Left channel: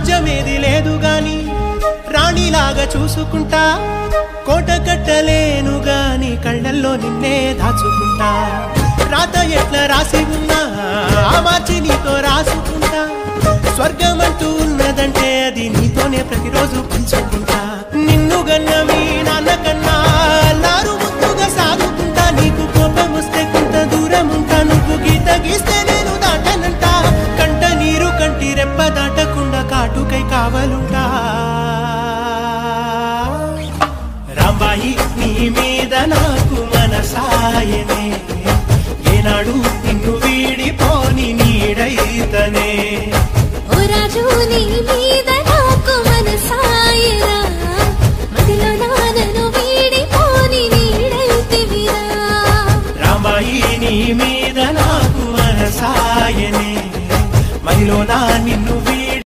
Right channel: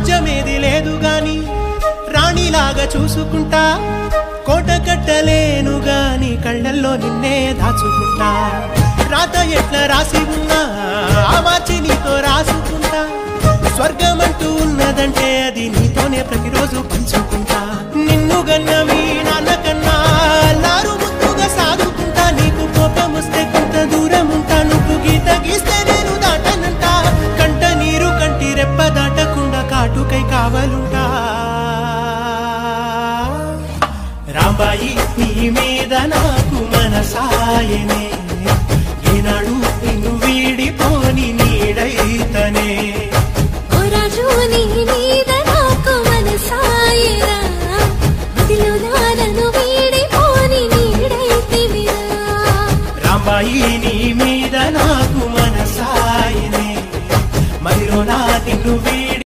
రాజ్యమేది లేదు గాని రాణిలాగా చూసుకుంటా కోట కట్టలేను గాని కళ్ళల్లో నిన్నే దాచుకుంటా రాత ఎట్లా రాసి ఉన్నా మార్చి నీతో రాసుకుంటా స్వర్గమంటూ ఉన్నదంటే అది నీతోనే ప్రతిరోజు పంచుకుంటా నిన్ను గన్న మీ నాన్న కన్నా లారు ముద్దుగా సాదుకుంటా నీకు కోపం వస్తే కొంత దూరం ఉంటా నువ్వు గీత గీస్తే నేను దాటనంట కంట నీరు కంటి రెప్ప దాటకుండా కాటుకై కావలుంటా రాంబాయి నీ మీద నాకు మనసాయనే ఏనాడు నిన్ను వీడిపోని నీడైతనే రాజు నీ మీద